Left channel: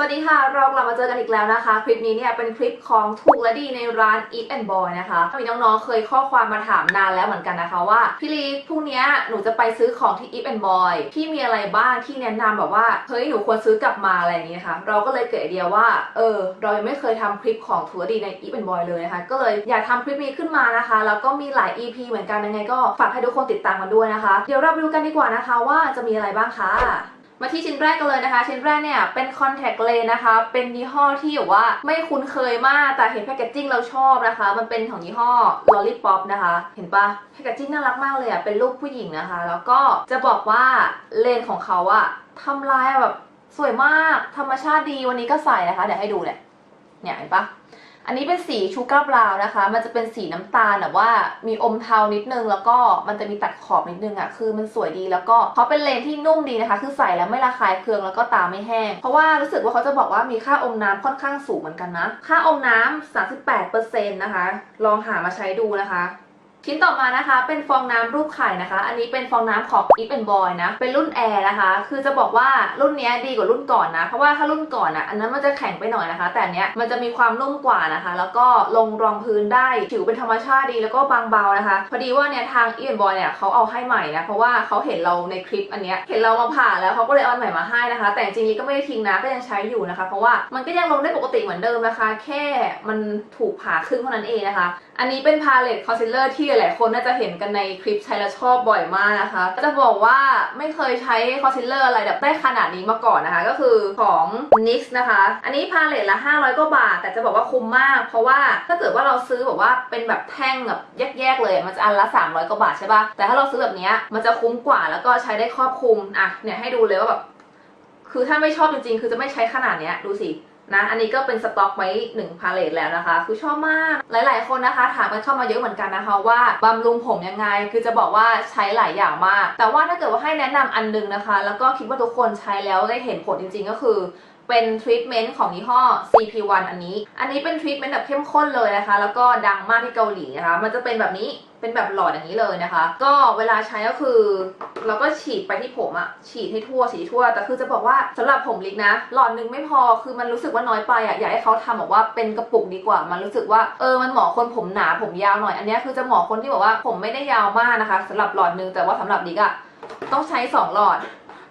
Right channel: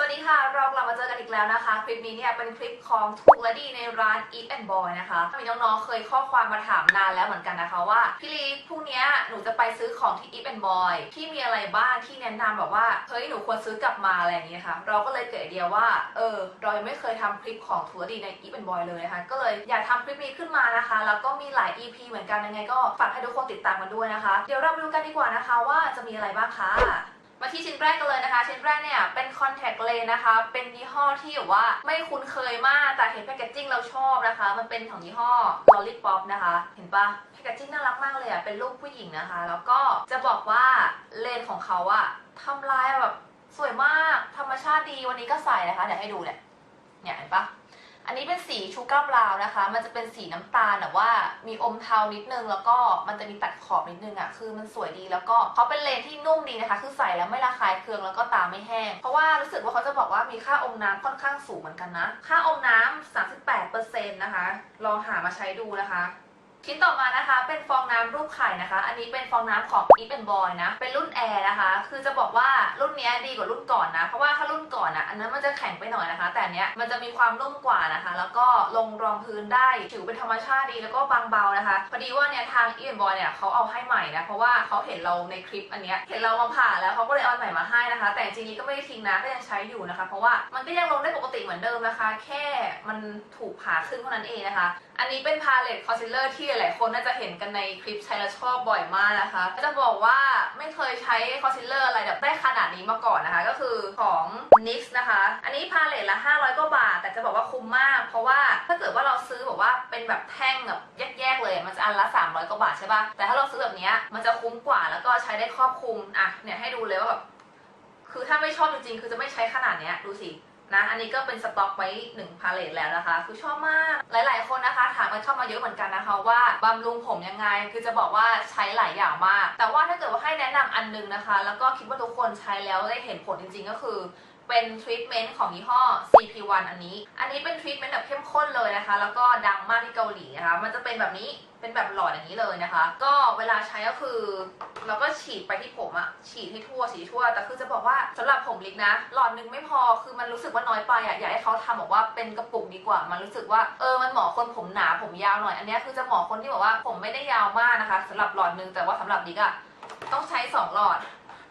สวัสดีค่ะ เรากลับมาเจอกันอีกแล้วนะคะ คลิปนี้เนี่ยเป็นคลิปของถูกและดีในร้าน Eat and Boy นะคะ มีน้องๆเคยข้อความมาถามนานแล้วเหมือนกันนะคะว่า พี่ลีพรุ่งเนี้ยหนูจะไปซื้อของที่ Eat and Boy พี่มีอะไรบ้างที่แนะนำแบบว่า เฮ้ยหนูควรซื้อกลับมาอะไรอย่างนี้นะคะ เราก็เลยเกิดไอเดียว่า เออ เรายังไม่เคยทำคลิปของถูกและดีใน Eat and Boy เลยนะคะ ก็เลยอยากทำคลิปนี้ขึ้นมานะคะ แล้วก็มีหลาย EP เหมือนกันยังไง ก็ฝากให้ทุกคนติดตามกันด้วยนะคะ เดี๋ยวเราไปดูกันดีกว่านะคะ ว่าจะมีอะไรบ้างคะ มาที่ชิ้นแรกกันเลยนะคะ ชิ้นแรกเนี่ยเป็น contact lens นะคะ เป็นยี่ห้อที่แบบว่าไม่คุ้นเคยมาก แต่เห็นแพคเกจจิ้งเราชอบนะคะ มันเป็นของยี่ห้อ lollipop นะคะ เห็นปะแพคเกจจิ้งน่ารักมากเลยอะเป็นรูปผู้หญิงนะคะ แล้วก็จะบอกว่าเลนของเขาอะทำลายแบบสวยมากธรรมชาติดีวันนี้ก็ใส่นะคะเดี๋ยวให้ดูเนี่ยเนี่ยเห็นปะ อันนี้เป็นสีชูการ์บราวนะคะ มันจะเป็นสีน้ำตาลแบบว่ามีอมเทานิดนึง แล้วก็มันจะมีตัดขอบนิดนึงอะ่ะ คือมันสวยดีแล้วก็เขาเป็นเลนที่นุ่มดีนะคะ คือใส่แล้วไม่ระคายเคืองแล้วก็ตาไม่แห้ง เพราะว่ารู้สึกว่าเขาจะบอกว่ามีค่าอมน้ำค่อนข้างสูงเหมือนกันนะ ค่าอมน้ำ38%นะคะ ลองหามาใช้ดูนะคะ ชิ้นต่อมานะคะเป็นฟองน้ำรูปไข่นะคะ อันนี้เป็นฟองน้ำของ Eat and Boy นะ เป็นรุ่นแอร์นะคะ คือจะบอกว่ารุ่นนี้ดีกว่ารุ่นก่อนนะ เพราะว่าถ้ารุ่นก่อนอะอันนั้นมันจะแข็งไปหน่อยนะคะ แต่อันเนี้ยมันจะมีความนุ่มกว่านะคะ แล้วก็ลงรองพื้นได้ผิวเป็นธรรมชาติดีแล้วก็บางเบานะคะ พอดีว่าเนี่ยทาง Eat and Boy เนี่ยเขาเอาให้ใหม่นะ เพราะว่าเขาเห็นเราในคลิปอันเนี้ยเห็นเรามาผ่าแล้วเขาก็เลยเอาใหม่มาให้นะคะ แต่จริงๆก็ไม่ได้ทิ้งนะก็ยังใช้อยู่นะคะ เพราะว่ามันก็ยังลงได้ปกติเหมือนเดิมนะคะ แค่มันถูกผ่าครึ่งเท่านั้นเองนะคะ อันนี้เป็นพาเลตคอนซีลเลอร์ที่หลายๆคนน่าจะเห็นกันในคลิปใช้แล้วชอบบ่อยมากนะคะ จะบอกว่าไม่เคยใช้คอนซีลเลอร์อะไรแบบได้ขนาดนี้มาก่อนนะคะ ก็คือของ NYX นะคะ อันนี้พาเลตละ 500กว่าบาท แต่จะบอกว่าคุ้มมาก เพราะว่าถ้าเกิดว่าเราซื้อแบบว่าเป็นแบบแท่งแบบแยกๆเลย มันจะอันละ 300กว่าบาทใช่ปะแต่ถ้าเราซื้อแบบนี้มันจะคุ้มกว่าแล้วก็ใช้ได้ครอบคลุม อะ เนี่ยให้ดูเลยว่าแบบ คือถ้าไม่ชอบจริงๆ คือจะไม่ใช้ขนาดเนี้ย ดูสิ นะอันนี้ก็เป็นสต็อกไว้1พาเลตแล้วนะคะ คือชอบมากหลาย ๆ คนนะคะถามกันเข้ามาเยอะเหมือนกันนะคะว่าบำรุงผมยังไง คือจะบอกว่าใช้หลายอย่างมาก แต่ว่าถ้าเกิดว่าให้แนะนำอันหนึงนะคะ แล้วก็คิดว่าทุกคนใช้แล้วได้เห็นผลจริง ๆ ก็คือเป็นทรีทเมนต์ของยี่ห้อ CP1 อันนี้ อันนี้เป็นทรีทเมนต์แบบเข้มข้นเลยนะคะ แล้วก็ดังมากที่เกาหลีนะคะ มันจะเป็นแบบนี้ เป็นแบบหลอดอย่างนี้เลยนะคะ ก็เวลาใช้ก็คือ เราก็ฉีดไปที่ผมอะฉีดให้ทั่วฉีดทั่ว แต่คือจะบอกว่าสำหรับผมลิกนะ หลอดหนึงไม่พอคือมันรู้สึกว่าน้อยไปอะอยากให้เขาทำบอกว่าเป็นกระปุกดีกว่า มันรู้สึกว่าเออมันเหมาะคนผมหนาผมยาวหน่อย อันนี้คือจะเหมาะคนที่บอกว่าผมไม่ได้ยาวมากนะคะสำหรับหลอดหนึงแต่ว่าสำหรับลิกอะต้องใช้สองหลอด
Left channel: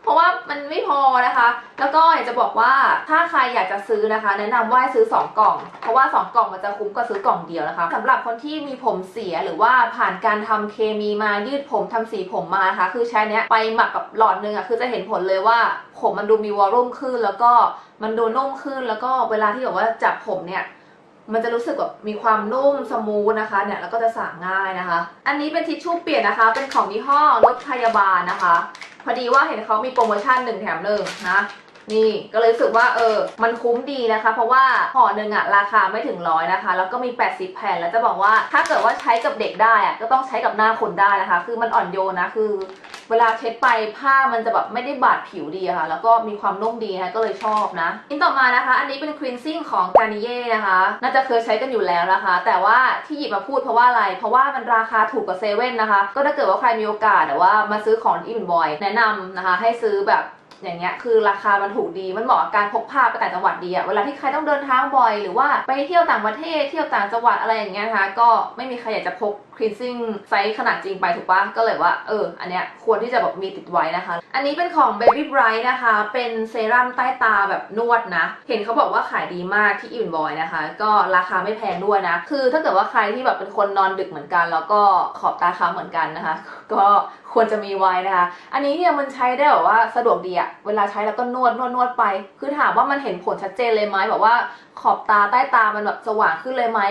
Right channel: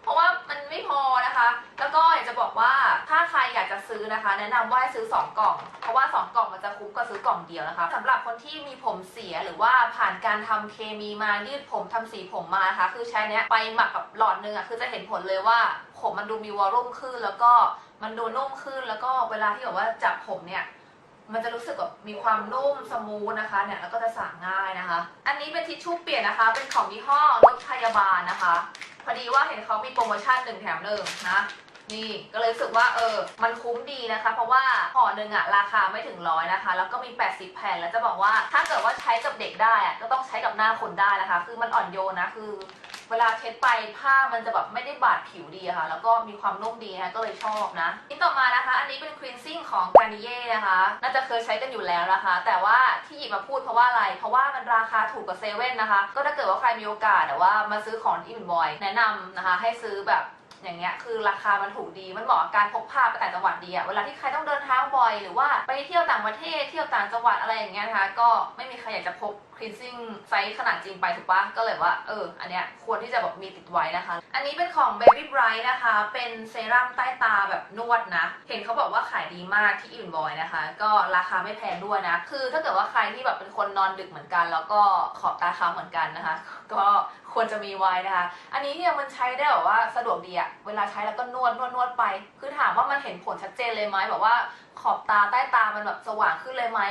เพราะว่ามันไม่พอนะคะ แล้วก็อยากจะบอกว่าถ้าใครอยากจะซื้อนะคะ แนะนำว่าให้ซื้อ 2 กล่อง เพราะว่า 2 กล่องมันจะคุ้มกว่าซื้อกล่องเดียวนะคะสำหรับคนที่มีผมเสียหรือว่าผ่านการทำเคมีมายืดผมทำสีผมมานะคะ คือใช้เนี้ยไปหมักกับหลอดหนึงอะคือจะเห็นผลเลยว่าผมมันดูมีวอลลุ่มขึ้น แล้วก็มันดูนุ่มขึ้นแล้วก็เวลาที่แบบว่าจับผมเนี่ยมันจะรู้สึกแบบมีความนุ่มสมูทนะคะเนี่ยแล้วก็จะสระง่ายนะคะ อันนี้เป็นทิชชู่เปียกนะคะ เป็นของยี่ห้อรถพยาบาลนะคะพอดีว่าเห็นเขามีโปรโมชั่นหนึ่งแถมหนึ่งนะนี่ก็เลยรู้สึกว่าเออ มันคุ้มดีนะคะ เพราะว่าห่อหนึ่งอะราคาไม่ถึงร้อยนะคะ แล้วก็มี 80 แผ่นแล้วจะบอกว่าถ้าเกิดว่าใช้กับเด็กได้อะก็ต้องใช้กับหน้าคนได้นะคะ คือมันอ่อนโยนนะคือ เวลาเช็ดไปผ้ามันจะแบบไม่ได้บาดผิวดีอะค่ะ แล้วก็มีความนุ่มดีนะก็เลยชอบนะอินต่อมานะคะ อันนี้เป็นครีนซิ่งของกานิเย่นะคะ น่าจะเคยใช้กันอยู่แล้วนะคะ แต่ว่าที่หยิบมาพูดเพราะว่าอะไร เพราะว่ามันราคาถูกกว่าเซเว่นนะคะ ก็ถ้าเกิดว่าใครมีโอกาสแต่ว่ามาซื้อของอีเวนบอยแนะนำนะคะ ให้ซื้อแบบอย่างเงี้ยคือราคามันถูกดีมันเหมาะกับการพกพาไปต่างจังหวัดดีอะเวลาที่ใครต้องเดินทางบ่อยหรือว่าไปเที่ยวต่างประเทศเที่ยวต่างจังหวัดอะไรอย่างเงี้ยนะคะก็ไม่มีใครอยากจะพก คลีนซิ่งไซส์ขนาดจริงไปถูกปะก็เลยว่า เออ อันเนี้ยควรที่จะแบบมีติดไว้นะคะ อันนี้เป็นของ Baby Bright นะคะ เป็นเซรั่มใต้ตาแบบนวดนะ เห็นเขาบอกว่าขายดีมากที่อินบอยนะคะ ก็ราคาไม่แพงด้วยนะ คือถ้าเกิดว่าใครที่แบบเป็นคนนอนดึกเหมือนกัน แล้วก็ขอบตาค้ำเหมือนกันนะคะ ก็ควรจะมีไว้นะคะ อันนี้เนี่ยมันใช้ได้แบบว่าสะดวกดีอะเวลาใช้แล้วก็นวดนวดนวดไป คือถามว่ามันเห็นผลชัดเจนเลยไหมแบบว่าขอบตาใต้ตามันแบบสว่างขึ้นเลยไหม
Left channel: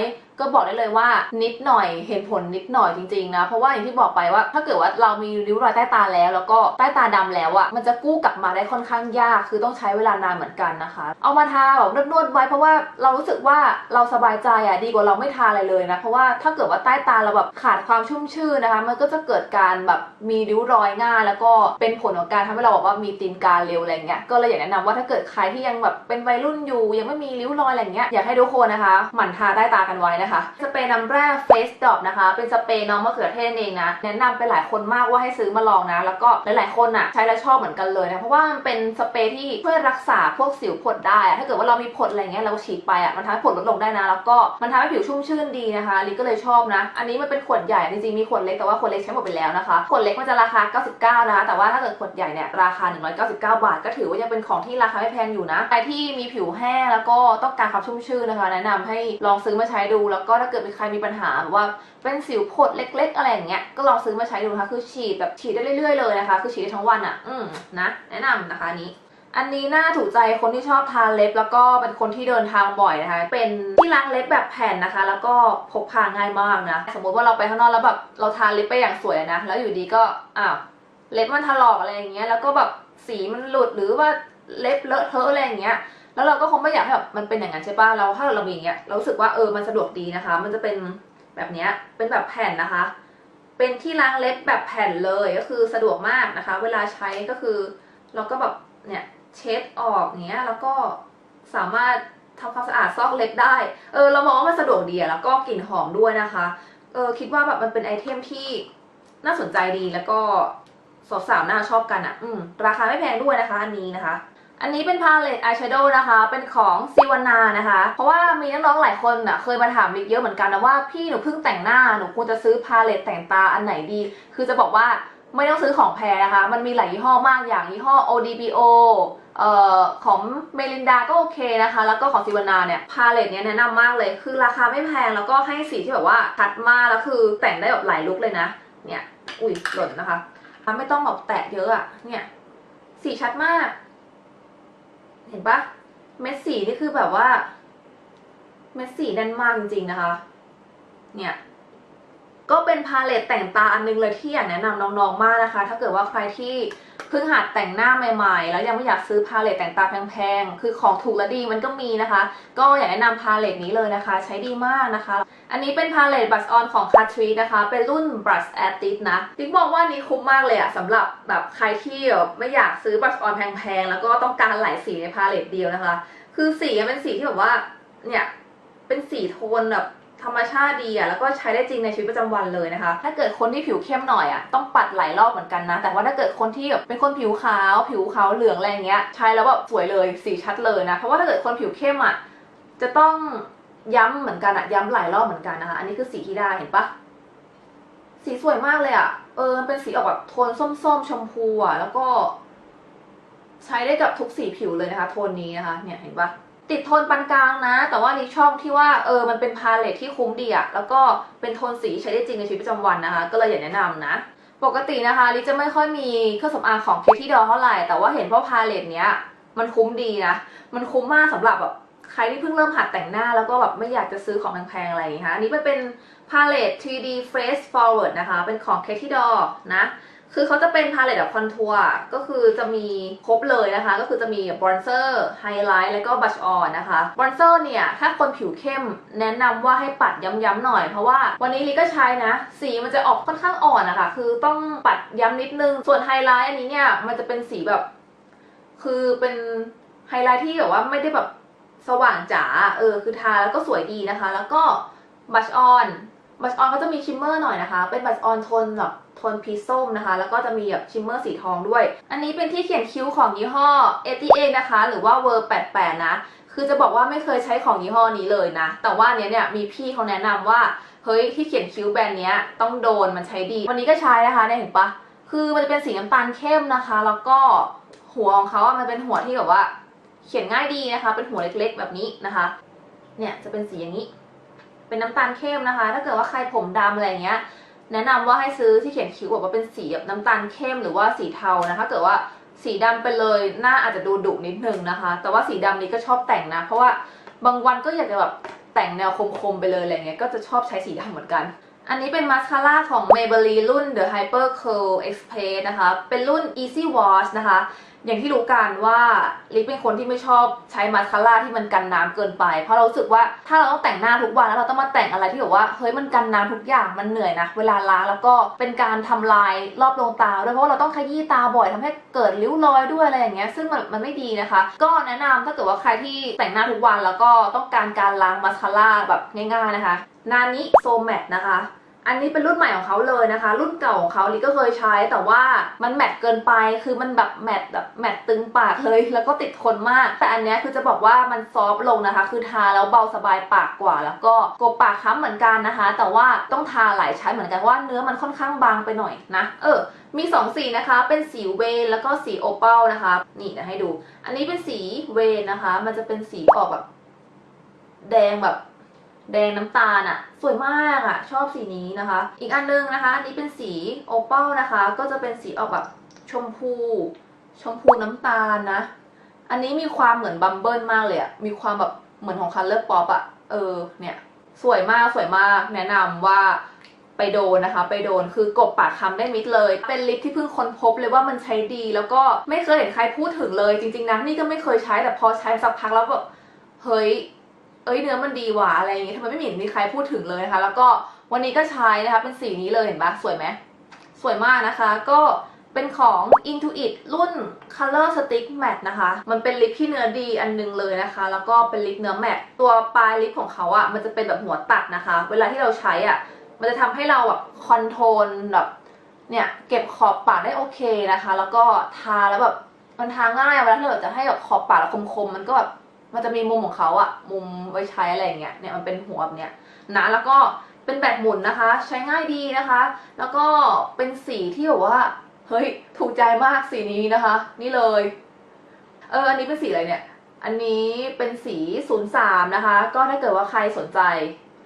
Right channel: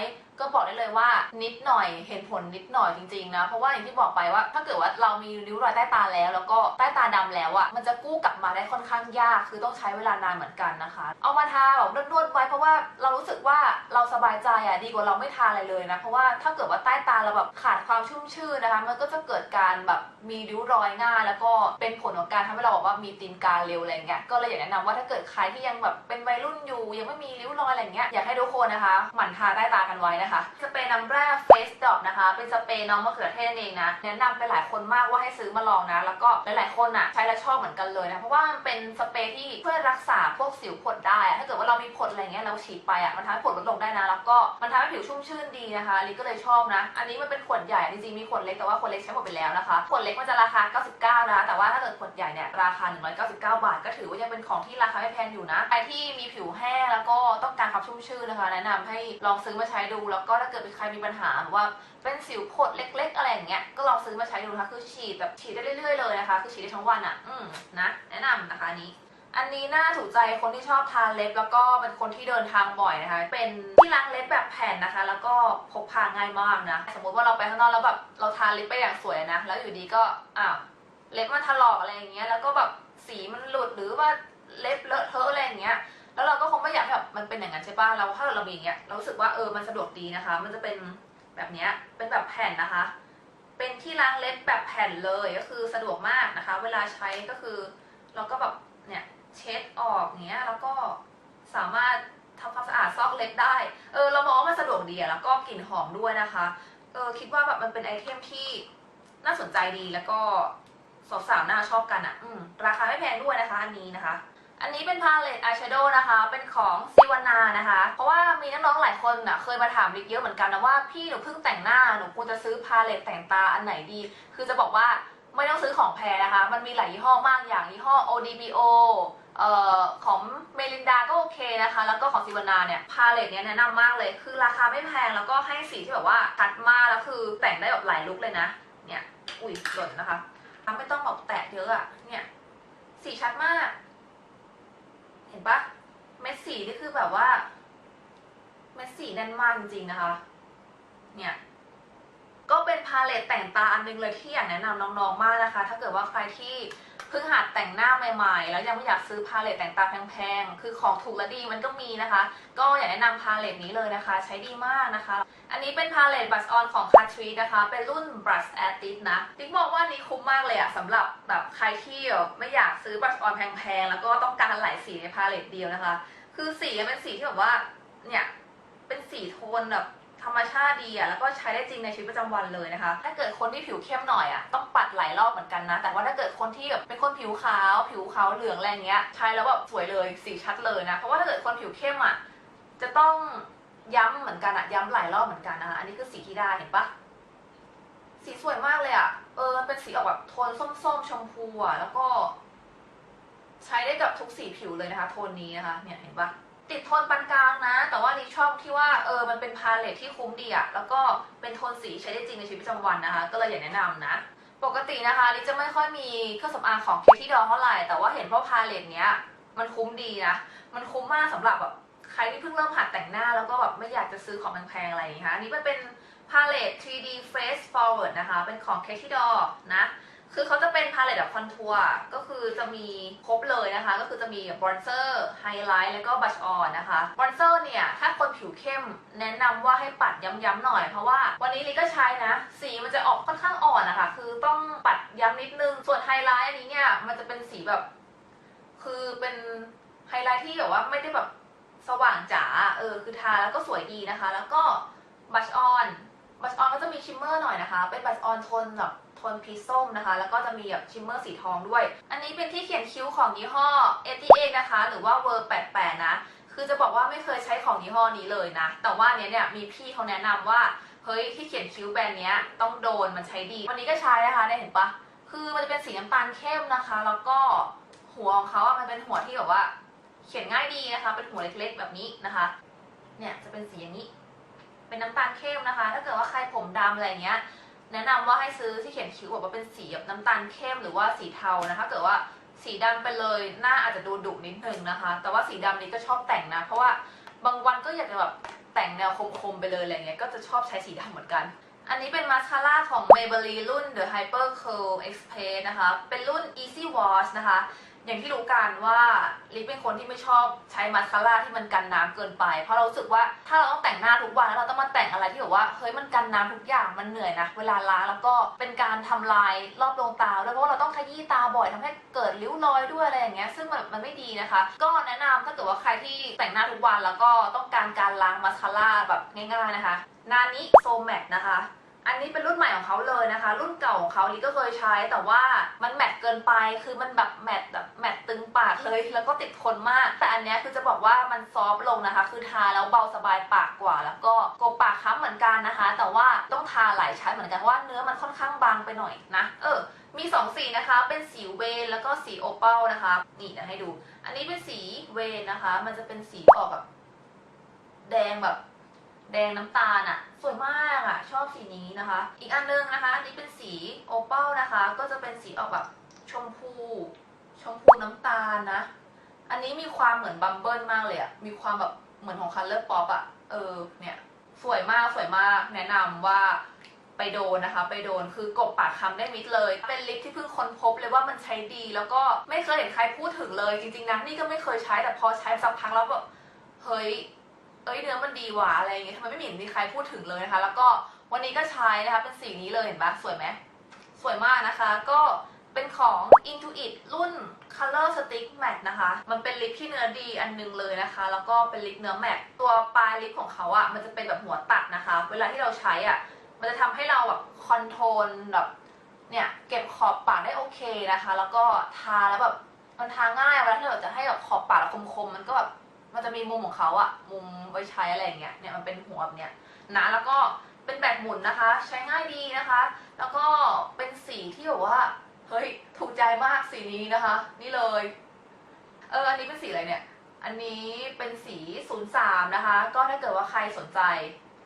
ก็บอกได้เลยว่านิดหน่อยเห็นผลนิดหน่อยจริงๆนะ เพราะว่าอย่างที่บอกไปว่า ถ้าเกิดว่าเรามีริ้วรอยใต้ตาแล้ว แล้วก็ใต้ตาดำแล้วอะมันจะกู้กลับมาได้ค่อนข้างยาก คือต้องใช้เวลานานเหมือนกันนะคะ เอามาทาแบบนวดๆไว้เพราะว่าเรารู้สึกว่าเราสบายใจอะดีกว่าเราไม่ทาอะไรเลยนะ เพราะว่าถ้าเกิดว่าใต้ตาเราแบบขาดความชุ่มชื่นนะคะ มันก็จะเกิดการแบบมีริ้วรอยง่ายแล้วก็เป็นผลของการทำให้เราแบบว่ามีตีนกาเร็วอะไรเงี้ย ก็เลยอยากแนะนำว่าถ้าเกิดใครที่ยังแบบเป็นวัยรุ่นอยู่ ยังไม่มีริ้วรอยอะไรเงี้ย อยากให้ทุกคนนะคะ หมั่นทาใต้ตากันไว้นะนะคะสเปรย์น้ำแร่ Face Drop นะคะ เป็นสเปรย์น้องมะเขือเทศเองนะแนะนำไปหลายคนมากว่าให้ซื้อมาลองนะ แล้วก็หลายๆคนอะใช้แล้วชอบเหมือนกันเลยนะ เพราะว่ามันเป็นสเปรย์ที่ช่วยรักษาพวกสิวผดได้อะถ้าเกิดว่าเรามีผดอะไรเงี้ยเราฉีดไปอะมันทำให้ผดลดลงได้นะ แล้วก็มันทำให้ผิวชุ่มชื่นดีนะคะลิก็เลยชอบนะ อันนี้มันเป็นขวดใหญ่จริงๆมีขวดเล็กแต่ว่าขวดเล็กใช้หมดไปแล้วนะคะขวดเล็กมันจะราคา 99 นะคะแต่ว่าถ้าเกิดขวดใหญ่เนี่ยราคา 199 บาท ก็ถือว่ายังเป็นของที่ราคาไม่แพงอยู่นะใครที่มีผิวแห้งแล้วก็ต้องการความชุ่มชื่นนะคะ แนะนำให้ลองซื้อมาใช้ดูแแล้วก็ถ้าเกิดมีใครมีปัญหาแบบว่าเป็นสิวผดเล็ก ๆ อะไรอย่างเงี้ยก็ลองซื้อมาใช้ดูนะคะ คือฉีดแบบฉีดได้เรื่อยๆเลยนะคะ คือฉีดได้ทั้งวันอะ่ะ อืมนะ แนะนำนะคะนี้อันนี้น่าถูกใจคนที่ชอบทาเล็บ แล้วก็เป็นคนที่เดินทางบ่อยนะคะ เป็นที่ล้างเล็บแบบแผ่นนะคะ แล้วก็พกพาง่ายมากนะ สมมติว่าเราไปข้างนอกแล้วแบบเราทาเล็บไปอย่างสวยนะ แล้วอยู่ดีก็อ้าวเล็บมันถลอกอะไรอย่างเงี้ย แล้วก็แบบสีมันหลุดหรือว่าเล็บเลอะเทอะอะไรอย่างเงี้ย แล้วเราก็คงไม่อยากให้แบบมันเป็นอย่างนั้นใช่ป่ะเราถ้าเรามีอย่างเงี้ยเรารู้สึกว่าเออมันสะดวกดีนะคะ มันจะเป็นแบบเนี้ยเป็นแบบแผ่นนะคะ เป็นที่ล้างเล็บแบบแผ่นเลยก็คือสะดวกมากนะคะ เวลาใช้ก็คือเราก็แบบเนี่ยเช็ดออกเนี้ยแล้วก็สามารถทำความสะอาดซอกเล็บได้ เออเรามองว่ามันสะดวกดีแล้วก็กลิ่นหอมด้วยนะคะ เออคิดว่าแบบมันเป็นไอเทมที่น่าสนใจดีแล้วก็สาวๆน่าชอบกันอะ อืมราคาไม่แพงด้วยนะคะ อันนี้นะคะ อันนี้เป็นพาเลตอายแชโดว์นะคะ เป็นของซิวานานะคะ เพราะว่ามีน้องๆหลายคนอะเคยมาถามลิกเยอะเหมือนกันนะว่าพี่หนูเพิ่งแต่งหน้าหนูควรจะซื้อพาเลตแต่งตาอันไหนดี คือจะบอกว่าไม่ต้องซื้อของแพงนะคะ มันมีหลายยี่ห้อมากอย่างยี่ห้อ ODBO เอ่อของเมลินดาก็โอเคนะคะ แล้วก็ของซิวานาเนี่ยพาเลตเนี้ยแนะนำมากเลย คือราคาไม่แพงแล้วก็ให้สีที่แบบว่าชัดมากแล้วคือแต่งได้แบบหลายลุคเลยนะ เนี่ย อุ้ยหล่นนะคะ ไม่ต้องแบบแตะเยอะอะเนี่ย สีชัดมาก เห็นปะเม็ดสีนี่คือแบบว่า เม็ดสีแน่นมากจริงๆนะคะ เนี่ย ก็เป็นพาเลตแต่งตาอันนึงเลยที่อยากแนะนำน้องๆมากนะคะ ถ้าเกิดว่าใครที่เพิ่งหัดแต่งหน้าใหม่ๆ แล้วยังไม่อยากซื้อพาเลตแต่งตาแพงๆ คือของถูกและดีมันก็มีนะคะ ก็อยากแนะนำพาเลตนี้เลยนะคะ ใช้ดีมากนะคะ อันนี้เป็นพาเลตบัสออนของ c a t r i นะคะ เป็นรุ่น Brush Artist นะติ๊กบอกว่านี้คุ้มมากเลยอะสำหรับแบบใครที่ไม่อยากซื้อบัสออนแพงๆ แล้วก็ต้องการหลายสีในพาเลตเดียวนะคะ คือสีเป็นสีที่แบบว่าเนี่ยเป็นสีโทนแบบ ธรรมชาติดีอะแล้วก็ใช้ได้จริงในชีวิตประจำวันเลยนะคะ ถ้าเกิดคนที่ผิวเข้มหน่อยอะต้องปัดหลายรอบเหมือนกันนะ แต่ว่าถ้าเกิดคนที่แบบเป็นคนผิวขาว ผิวขาวเหลืองอะไรเงี้ยใช้แล้วแบบสวยเลยสีชัดเลยนะ เพราะว่าถ้าเกิดคนผิวเข้มอะจะต้องย้ำเหมือนกันอะย้ำหลายรอบเหมือนกันนะคะ อันนี้คือสีที่ได้เห็นปะสีสวยมากเลยอะเออมันเป็นสีออกแบบโทนส้มๆชมพูอะแล้วก็ ใช้ได้กับทุกสีผิวเลยนะคะ โทนนี้นะคะ เนี่ยเห็นปะ ติดโทนปานกลางนะ แต่ว่านี่ชอบที่ว่าเออมันเป็นพาเลทที่คุ้มดีอะแล้วก็เป็นโทนสีใช้ได้จริงในชีวิตประจำวันนะคะ ก็เลยอยากแนะนำนะ ปกตินะคะลิจะไม่ค่อยมีเครื่องสำอางของเคที่ดอเท่าไหร่ แต่ว่าเห็นว่าพาเลทเนี้ยมันคุ้มดีนะ มันคุ้มมากสำหรับแบบใครที่เพิ่งเริ่มหัดแต่งหน้าแล้วก็แบบไม่อยากจะซื้อของแพงๆอะไรอย่างนี้ค่ะอันนี้มันเป็นพาเลต 3D Face Forward นะคะ เป็นของ Katy d o นะ คือเขาจะเป็นพาเลตแบบคอนทัวร์ก็คือจะมีครบเลยนะคะ ก็คือจะมีบรอนเซอร์ไฮไลท์แล้วก็บัชออนนะคะบรอนเซอร์เนี่ย ถ้าคนผิวเข้มแนะนำว่าให้ปัดย้ำๆหน่อย เพราะว่าวันนี้ลิก็ใช้นะ สีมันจะออกค่อนข้างอ่อนนะคะ คือต้องปัดย้ำนิดนึง ส่วนไฮไลท์อันนี้เนี่ย มันจะเป็นสีแบบ คือเป็นไฮไลท์ที่แบบว่าไม่ได้แบบสว่างจ๋าเออคือทาแล้วก็สวยดีนะคะ แล้วก็บัชออน บัชออนก็จะมีชิมเมอร์หน่อยนะคะ เป็นบัชออนโทนแบบโทนพีส้มนะคะ แล้วก็จะมีแบบชิมเมอร์สีทองด้วย อันนี้เป็นที่เขียนคิ้วของยี่ห้อ a t a นะคะ หรือว่า v e r 88นะ คือจะบอกว่าไม่เคยใช้ของยี่ห้อนี้เลยนะ แต่ว่าเนี้ยเนี่ยมีพี่เขาแนะนำว่า เฮ้ยที่เขียนคิ้วแบรนด์เนี้ยต้องโดนมันใช้ดี วันนี้ก็ใช้นะคะเนี่ยเห็นปะ คือมันจะเป็นสีน้ำตาลเข้มนะคะ แล้วก็หัวของเขาอะมันเป็นหัวที่แบบว่า เขียนง่ายดีนะคะ เป็นหัวเล็กๆ แบบนี้นะคะ เนี่ยจะเป็นสีอย่างนี้ เป็นน้ำตาลเข้มนะคะ ถ้าเกิดว่าใครผมดำอะไรเงี้ย แนะนำว่าให้ซื้อที่เขียนคิ้วแบบว่าเป็นสีแบบน้ำตาลเข้มหรือว่าสีเทานะคะถ้าเกิดว่าสีดำไปเลยหน้าอาจจะดูดุนิดนึงนะคะ แต่ว่าสีดำนี้ก็ชอบแต่งนะ เพราะว่าบางวันก็อยากจะแบบแต่งแนวคมๆไปเลยอะไรเงี้ย ก็จะชอบใช้สีดำเหมือนกัน อันนี้เป็นมาสคาร่าของ Maybelline รุ่น The Hyper Curl Express นะคะ เป็นรุ่น Easy Wash นะคะ อย่างที่รู้กันว่าลิปเป็นคนที่ไม่ชอบใช้มาสคาร่าที่มันกันน้ำเกินไป เพราะเรารู้สึกว่าถ้าเราต้องแต่งหน้าทุกวันแล้วเราต้องมาแต่งอะไรที่แบบว่าเฮ้ยมันกันน้ำทุกอย่างมันเหนื่อยนะเวลาล้างแล้วก็เป็นการทำลายรอบดวงตาด้วยเพราะว่าเราต้องขยี้ตาบ่อยทำให้เกิดริ้วรอยด้วยอะไรอย่างเงี้ยซึ่งมันมันไม่ดีนะคะ ก็แนะนำถ้าเกิดว่าใครที่แต่งหน้าทุกวันแล้วก็ต้องการการล้างมาสคาร่าแบบง่าย ๆนะคะนานิโซแมทนะคะ อันนี้เป็นรุ่นใหม่ของเขาเลยนะคะ รุ่นเก่าของเขาลิก็เคยใช้ แต่ว่ามันแมตต์เกินไปคือมันแบบแมตต์แบบแมตต์ตึงปากเลย แล้วก็ติดทนมาก แต่อันเนี้ยคือจะบอกว่ามันซอฟต์ลงนะคะ คือทาแล้วเบาสบายปากกว่า แล้วก็กบปากค้ำเหมือนกันนะคะ แต่ว่าต้องทาหลายชั้นเหมือนกันเพราะว่าเนื้อมันค่อนข้างบางไปหน่อยนะ เออมีสองสีนะคะ เป็นสีเวนแล้วก็สีโอเปลนะคะ นี่นะให้ดู อันนี้เป็นสีเวนนะคะ มันจะเป็นสีออกแบบแดงแบบ แดงน้ำตาลอะสวยมากอะชอบสีนี้นะคะ อีกอันนึงนะคะ อันนี้เป็นสีโอเปลนะคะ ก็จะเป็นสีออกแบบชมพู ชมพูน้ำตาลนะ อันนี้มีความเหมือนบัมเบิลมากเลยอะมีความแบบเหมือนของคัลเลอร์ป๊อปอะเออเนี่ยสวยมากสวยมากแนะนำว่าไปโดนนะคะ ไปโดนคือกบปากคำได้มิดเลย เป็นลิปที่เพิ่งค้นพบเลยว่ามันใช้ดี แล้วก็ไม่เคยเห็นใครพูดถึงเลย จริงๆนะนี่ก็ไม่เคยใช้แต่พอใช้สักพักแล้วแบบเฮ้ย เอ้ยเนื้อมันดีว่ะอะไรอย่างเงี้ยทำไมไม่เห็นมีใครพูดถึงเลยนะคะ แล้วก็วันนี้ก็ใช้นะคะเป็นสีนี้เลยเห็นปะสวยไหมสวยมากนะคะ ก็เป็นของ Intuit รุ่น Color Stick Matte นะคะ มันเป็นลิปที่เนื้อดีอันนึงเลยนะคะ แล้วก็เป็นลิปเนื้อแมตตัวปลายลิปของเขาอะ่ะมันจะเป็นแบบหัวตัดนะคะ เวลาที่เราใช้อะ่ะมันจะทำให้เราแบบคอนโทรลแบบเนี่ยเก็บขอบปากได้โอเคนะคะ แล้วก็ทาแล้วแบบมันทาง่ายเวลาที่เราจะให้แบบขอบปากเราคมๆมันก็แบบ มันจะมีมุมของเขาอะมุมไว้ใช้อะไรเงี้ยเนี่ยมันเป็นหัวแบบเนี้ยนะแล้วก็เป็นแบบหมุนนะคะ ใช้ง่ายดีนะคะ แล้วก็เป็นสีที่แบบว่าเฮ้ยถูกใจมากสีนี้นะคะ นี่เลย เอออันนี้เป็นสีอะไรเนี่ย อันนี้เป็นสี 03 นะคะ ก็ถ้าเกิดว่าใครสนใจ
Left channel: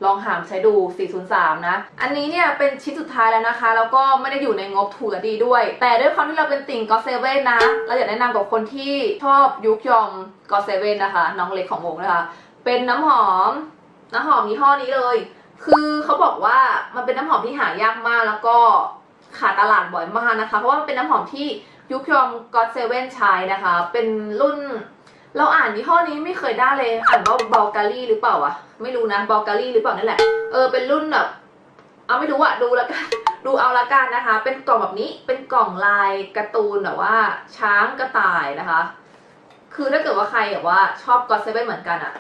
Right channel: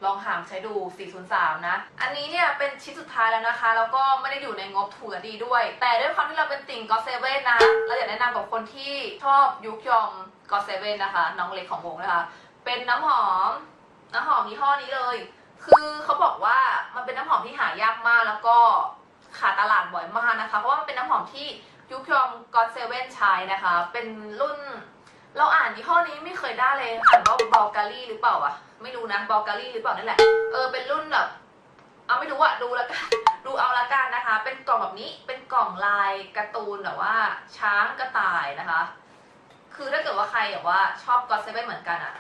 ลองหามใช้ดู 403 นะ อันนี้เนี่ยเป็นชิ้นสุดท้ายแล้วนะคะ แล้วก็ไม่ได้อยู่ในงบถูกและดีด้วย แต่ด้วยความที่เราเป็นติ่งก็เซเว่นนะ เราอยากแนะนำกับคนที่ชอบยุคยอมก็เซเว่นนะคะ น้องเล็กของวงนะคะ เป็นน้ำหอม น้ำหอมยี่ห้อนี้เลย คือเขาบอกว่ามันเป็นน้ำหอมที่หายากมาก แล้วก็ขาดตลาดบ่อยมากนะคะ เพราะว่ามันเป็นน้ำหอมที่ยุคยอมก็เซเว่นใช้นะคะ เป็นรุ่น เราอ่านยี่ห้อนี้ไม่เคยได้เลยอ่านว่าบ u ลกา r ีหรือเปล่าวะไม่รู้นะบ u ลกา r ีหรือเปล่านี่นแหละเออเป็นรุ่นแบบเอาไม่รู้อะดูแล้วกันดูเอาละกันนะคะ เป็นกล่องแบบนี้เป็นกล่องลายการ์ตูนแบบว่า ช้างกระต่ายนะคะ คือถ้าเกิดว่าใครแบบว่าชอบก็ o เซเว่นเหมือนกันอะ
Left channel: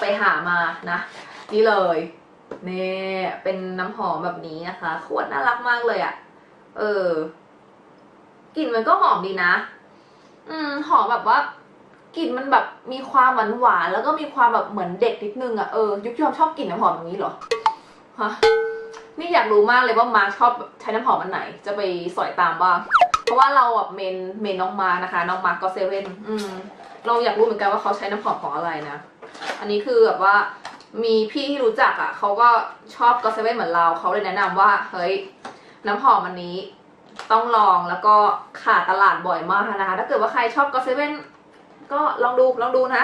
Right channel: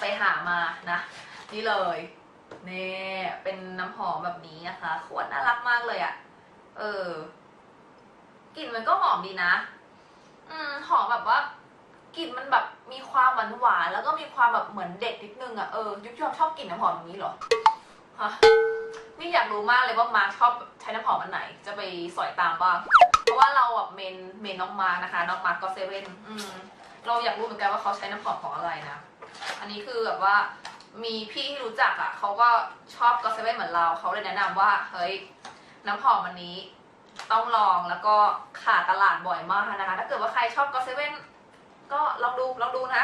ไปหามานะ นี่เลยนี่เป็นน้ำหอมแบบนี้นะคะ ขวดน่ารักมากเลยอะเออกลิ่นมันก็หอมดีนะ อืมหอมแบบว่า กลิ่นมันแบบมีความหวานหวานแล้วก็มีความแบบเหมือนเด็กนิดนึงอะเออยุคยอมชอบกลิ่นน้ำหอมอย่างนี้เหรอฮะนี่อยากรู้มากเลยว่ามาร์คชอบใช้น้ำหอมอันไหน จะไปสอยตามบ้างเพราะว่าเราแบบเมนเมนน้องมาร์นะคะน้องมาร์ก็เซเว่นอืมเราอยากรู้เหมือนกันว่าเขาใช้น้ำหอมของอะไรนะ อันนี้คือแบบว่ามีพี่ที่รู้จักอะเขาก็ชอบก็เซเว่นเหมือนเราเขาเลยแนะนำว่าเฮ้ยน้ำหอมอันนี้ต้องลองแล้วก็ขาดตลาดบ่อยมากนะคะ ถ้าเกิดว่าใครชอบก็เซเว่น ก็ลองดูลองดูนะ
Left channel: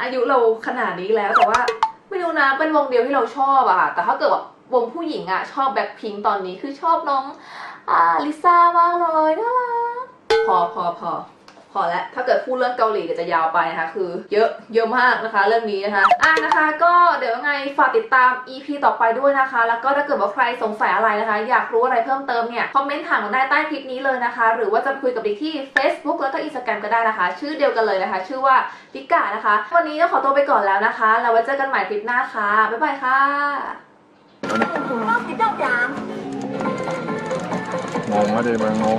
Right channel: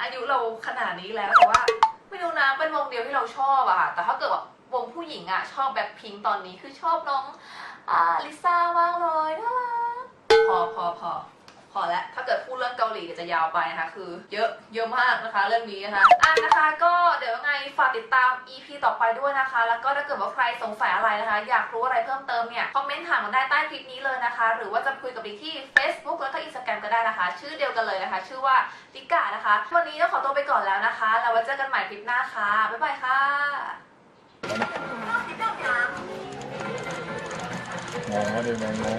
อายุเราขนาดนี้แล้วแต่ว่าไม่รู้นะเป็นวงเดียวที่เราชอบอะค่ะแต่ถ้าเกิดแบบวงผู้หญิงอะชอบแบ็คพิงตอนนี้คือชอบน้องอ่าลิซ่ามากเลยน่ารักพอพอพอ พอแล้วถ้าเกิดพูดเรื่องเกาหลีเดี๋ยวจะยาวไปนะคะคือ เยอะเยอะมากนะคะ เรื่องนี้นะคะอะนะคะ ก็เดี๋ยวยังไงฝากติดตาม EP ต่อไปด้วยนะคะ แล้วก็ถ้าเกิดว่าใครสงสัยอะไรนะคะ อยากรู้อะไรเพิ่มเติมเนี่ยคอมเมนต์ถามกันได้ใต้คลิปนี้เลยนะคะ หรือว่าจะคุยกับดิกที่ Facebook แล้วก็ Instagram ก็ได้นะคะ ชื่อเดียวกันเลยนะคะ ชื่อว่าดิกานะคะ วันนี้ต้องขอตัวไปก่อนแล้วนะคะแล้วไว้เจอกันใหม่คลิปหน้าค่ะบ๊ายบายค่ะงงไม่ได้เลยงง